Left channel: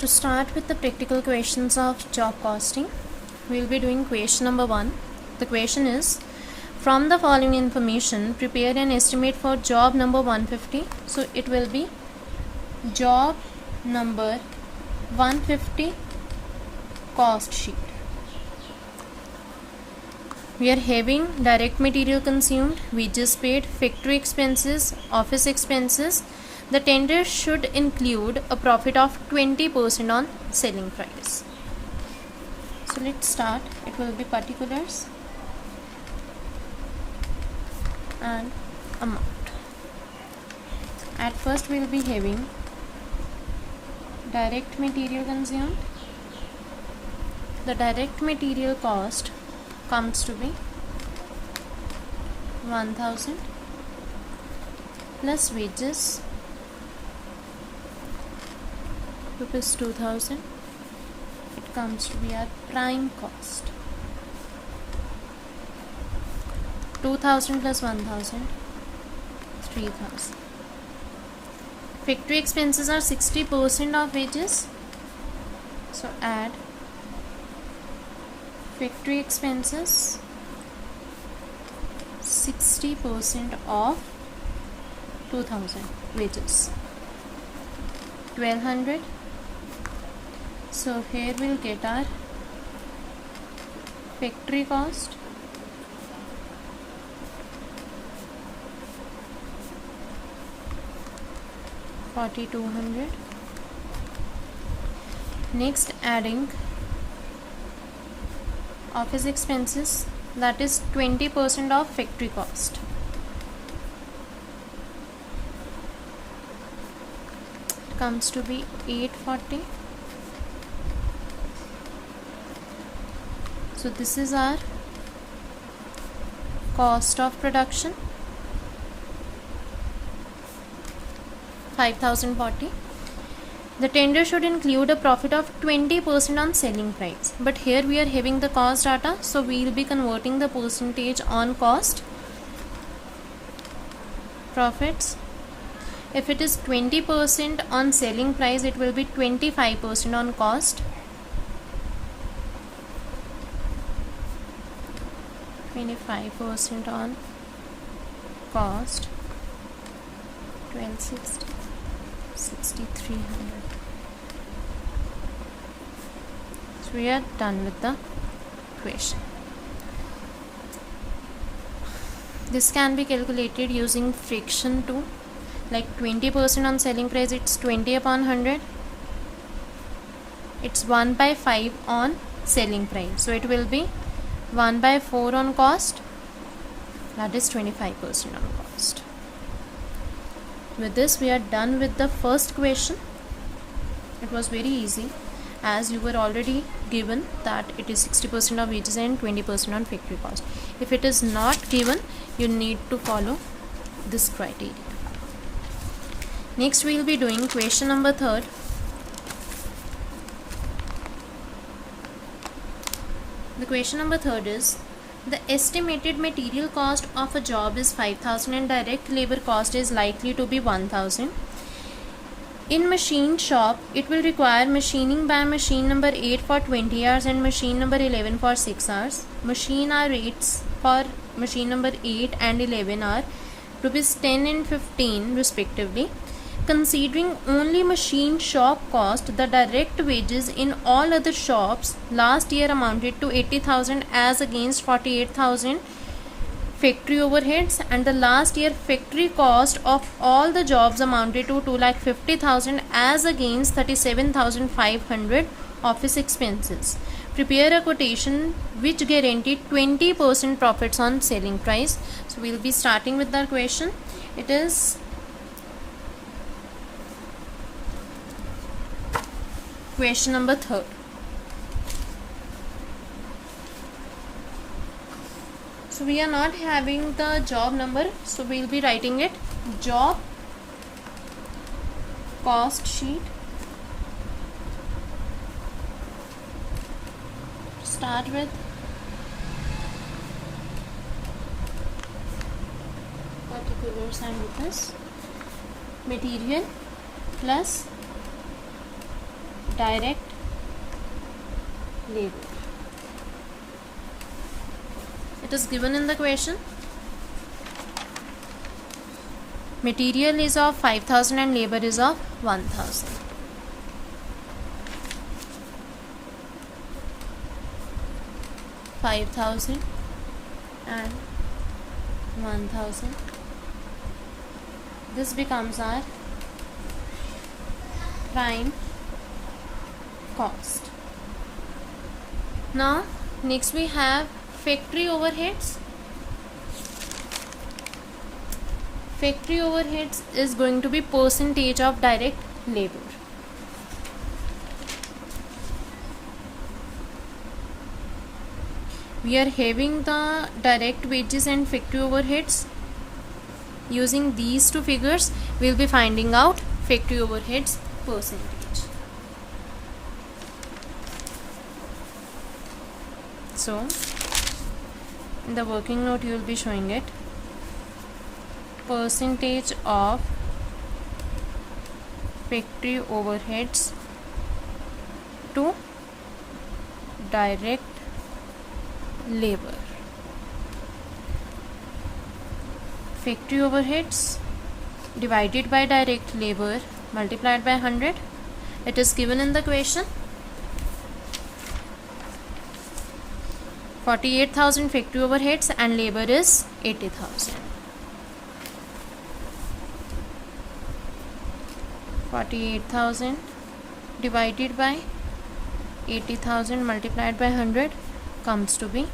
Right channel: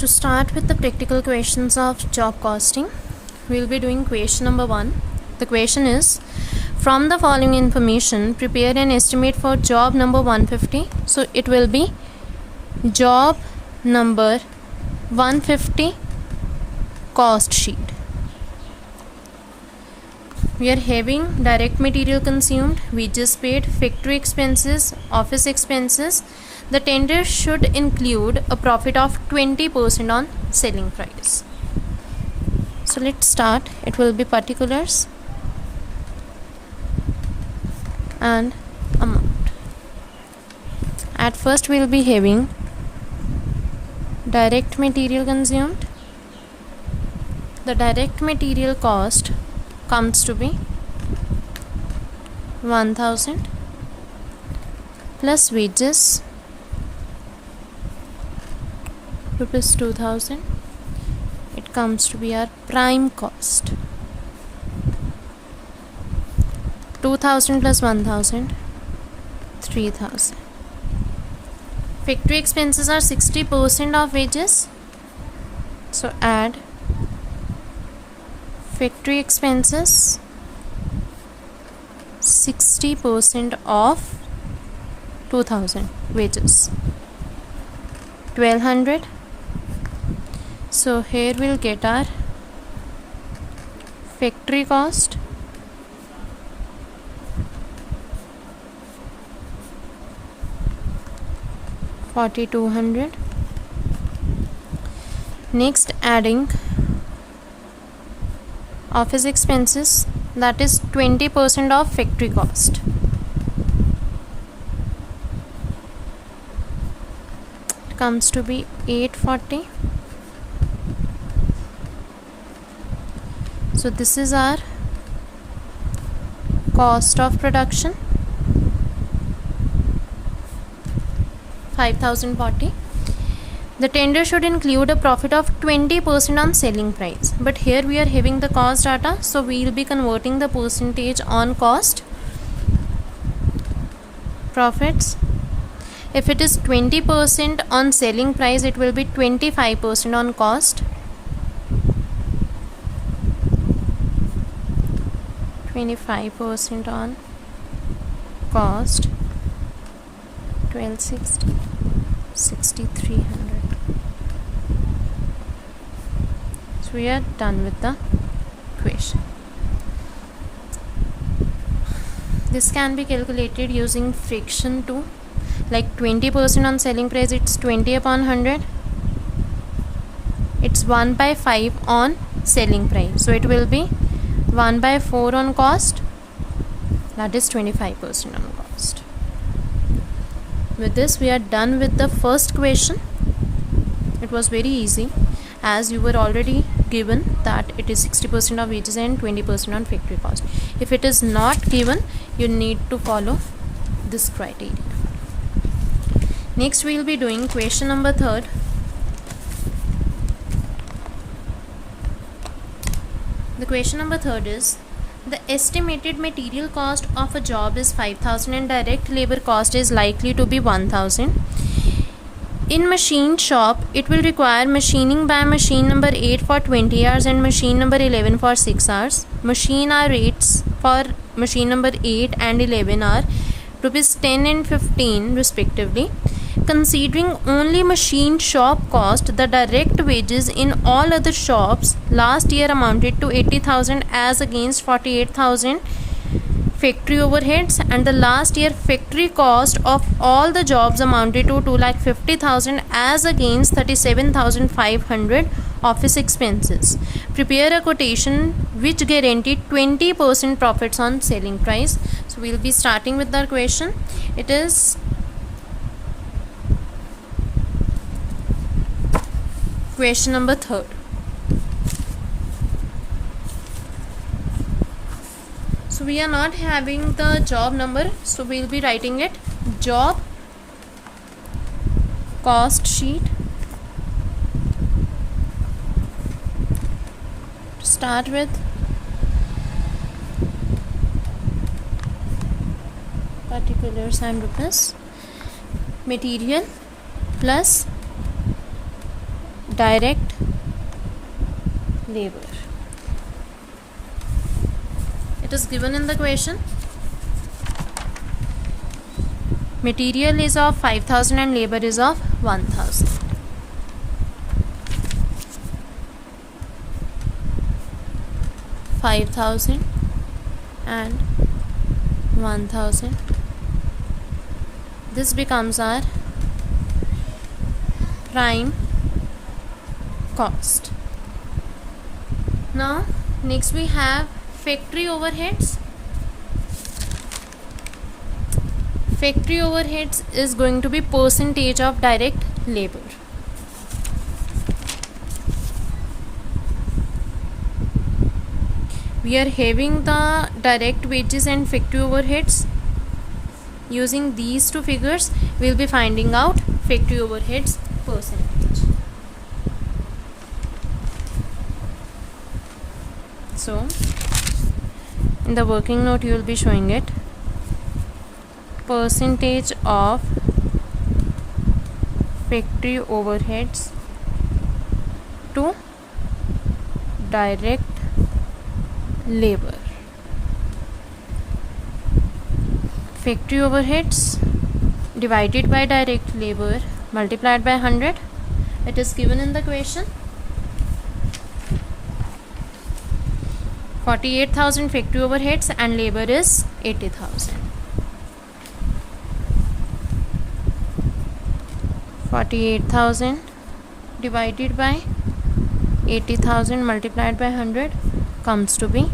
To start with the practical questions of job costing, we will be doing question number 1. The question is, from the following information, prepare an estimate for job number 150. So it will be job number 150 cost sheet. We are having direct material consumed, wages paid, factory expenses, office expenses. The tender should include a profit of 20% on selling price. So let's start. It will be particulars and amount. At first we will be having direct material consumed. The direct material cost comes to be 1000 plus wages rupees 2000. It comes to be our prime cost. 2000 plus 1000, 3000. Factory expenses are 60% of wages. So add factory expenses 60% of 2000 wages, 1200. So here we'll get our factory cost, $4200. Next, adding office expenses, that is 20% of factory cost. It comes to be 840. So this is our cost of production, 5040. The tender should include a profit of 20% on selling price, but here we are having the cost data, so we will be converting the percentage on cost. Profits, if it is 20% on selling price, it will be 25% on cost. 25% on cost, 1260, 6300. So we are done with the equation. This can be calculated using fraction 2, like 20% on selling price, it's 20 upon 100. It's 1 by 5 on selling price, so it will be 1 by 4 on cost, that is 25% on cost. With this we are done with the first question. It was very easy, as you were already given that it is 60% of wages and 20% on factory cost. If it is not given, you need to follow this criteria. Next we will be doing question number 3. The question number 3 is, the estimated material cost of a job is 5000 and direct labor cost is likely to be 1000. In machine shop, it will require machining by machine number 8 for 20 hours and machine number 11 for 6 hours. Machine hour rates for machine number 8 and 11 are rupees 10 and 15 respectively. Considering only machine shop cost, the direct wages in all other shops last year amounted to 80,000 as against 48,000 factory overheads, and the last year factory cost of all the jobs amounted to 2,50,000 as against 37,500 office expenses. Prepare a quotation which guaranteed 20% profits on selling price. So we will be starting with the question. It is question number 3. So we are not having the job number, so we will be writing it job cost sheet. Start with particulars and rupees, material plus direct labor. It is given in the question. Material is of 5,000 and labor is of 1,000. $5,000 and 1,000. This becomes our prime cost. Now next we have factory overheads. Factory overheads is going to be percentage of direct labor. We are having the direct wages and factory overheads. Using these two figures, we will be finding out factory overheads percentage. So, in the working note, you will be showing it. Percentage of factory overheads to direct labor. Factory overheads divided by direct labor multiplied by 100. It is given in the question. 48,000 factory overheads and labor is 80,000. 48,000 divided by 80,000 multiplied by 100 comes to be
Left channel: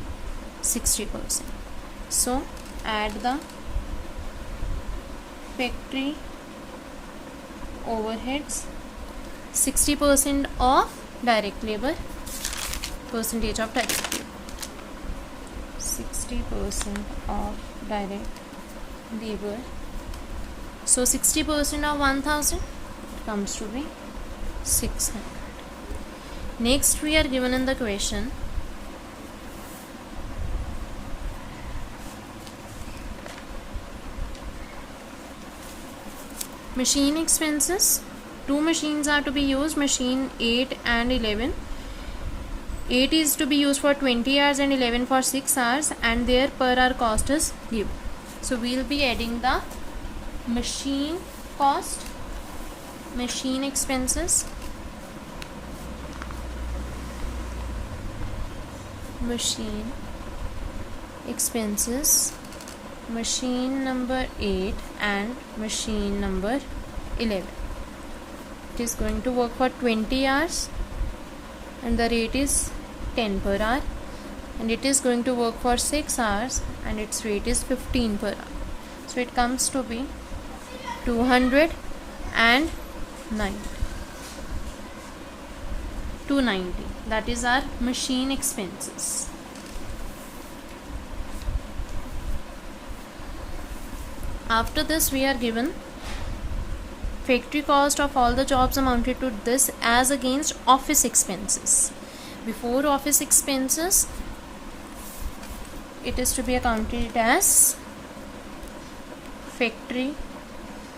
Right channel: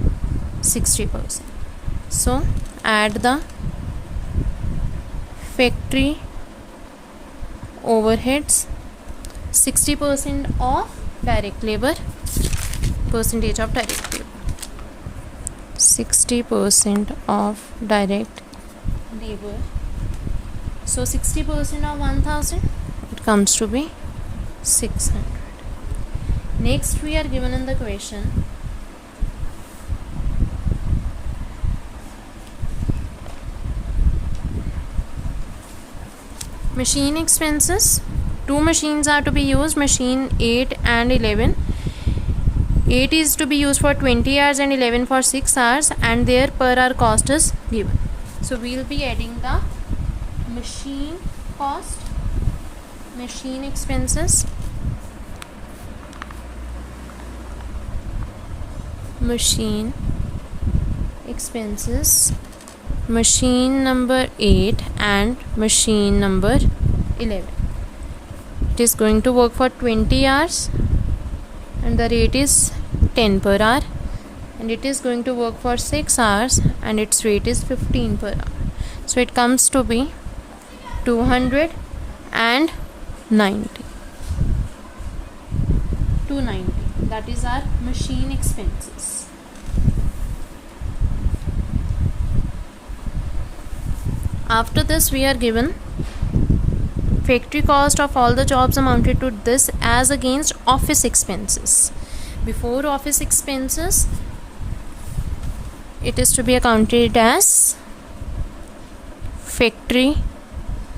60%. So add the factory overheads, 60% of direct labor, percentage of direct labor, 60% of direct labor. So 60% of 1,000, it comes to be 600. Next we are given in the question machine expenses. Two machines are to be used, machine 8 and 11. 8 is to be used for 20 hours and 11 for 6 hours, and their per hour cost is given. So we will be adding the machine cost, machine expenses, machine expenses, machine number 8 and machine number 11. It is going to work for 20 hours and the rate is 10 per hour, and it is going to work for 6 hours and its rate is 15 per hour. So it comes to be 290. 290. That is our machine expenses. After this we are given factory cost of all the jobs amounted to this as against office expenses. Before office expenses, it is to be accounted as factory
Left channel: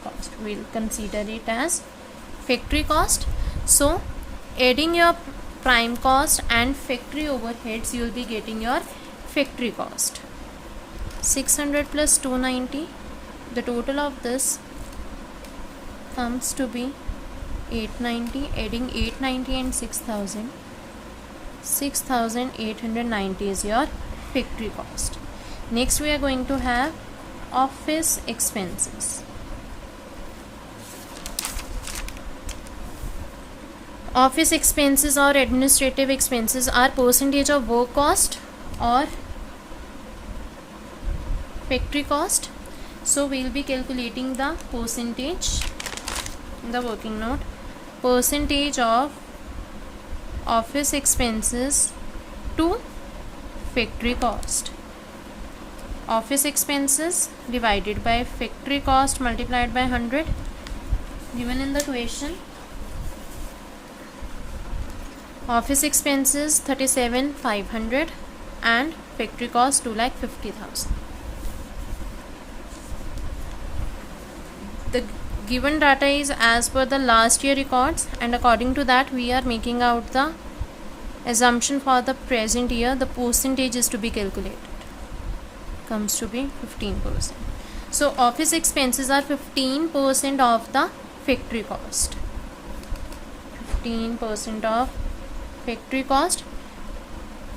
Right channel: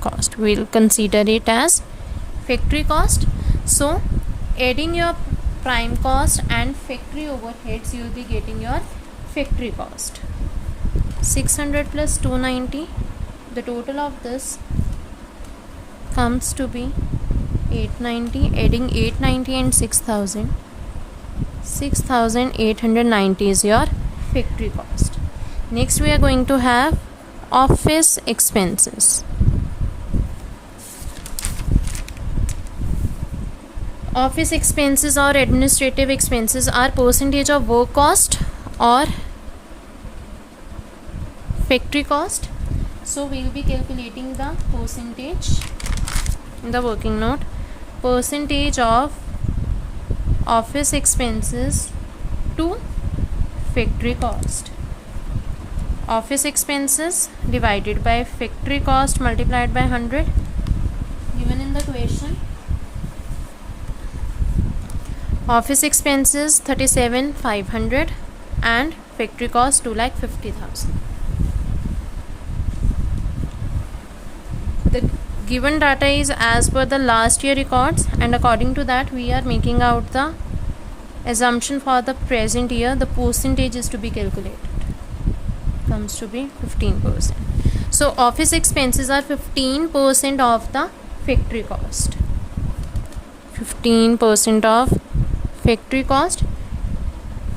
cost. We will consider it as factory cost. So adding your prime cost and factory overheads, you will be getting your factory cost. 600 plus 290, the total of this comes to be 890. Adding 890 and 6,000, 6,890 is your factory cost. Next we are going to have office expenses. Office expenses or administrative expenses are percentage of work cost or factory cost. So we will be calculating the percentage in the working note. Percentage of office expenses to factory cost. Office expenses divided by factory cost multiplied by 100, given in the question. Office expenses 37,500 and factory cost 2,50,000. given data is as per the last year records, and according to that we are making out the assumption for the present year. The percentage is to be calculated, comes to be 15%. So office expenses are 15% of the factory cost. 15% of factory cost.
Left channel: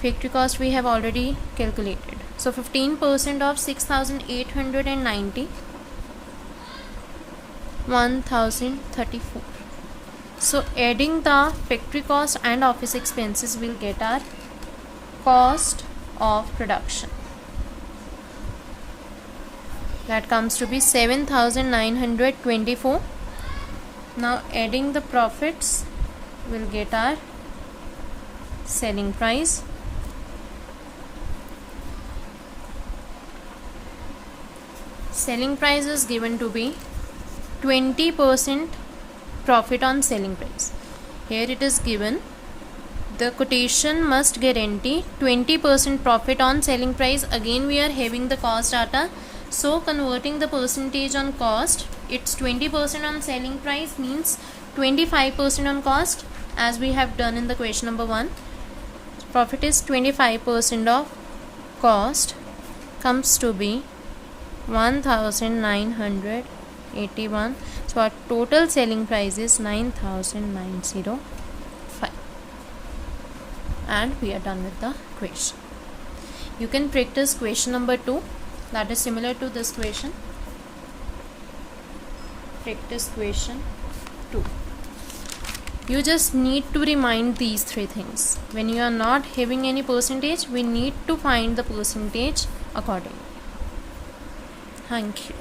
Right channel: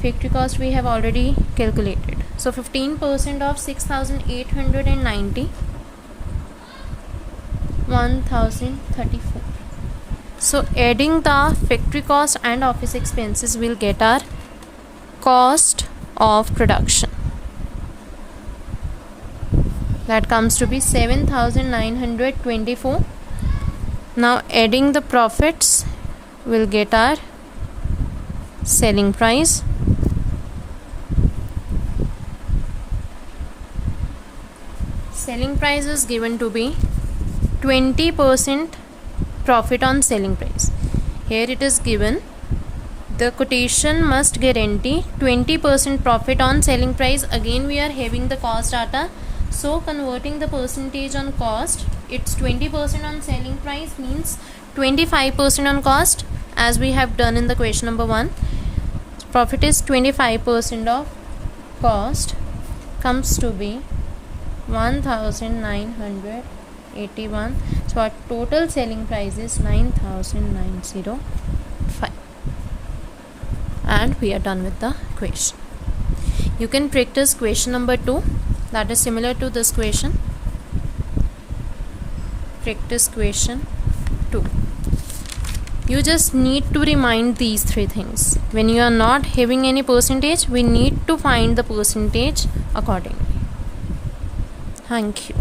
Factory cost we have already calculated. So 15% of 6,890, 1,034. So adding the factory cost and office expenses will get our cost of production. That comes to be 7,924. Now adding the profits will get our selling price. Selling price is given to be 20% profit on selling price. Here it is given the quotation must guarantee 20% profit on selling price. Again we are having the cost data, so converting the percentage on cost, it's 20% on selling price means 25% on cost, as we have done in the question number 1. Profit is 25% of cost, comes to be 1,981. So our total selling price is 9,905. And we are done with the question. You can practice question number 2, that is similar to this question. Practice question 2. You just need to remind these 3 things. When you are not having any percentage, we need to find the percentage accordingly. Thank you.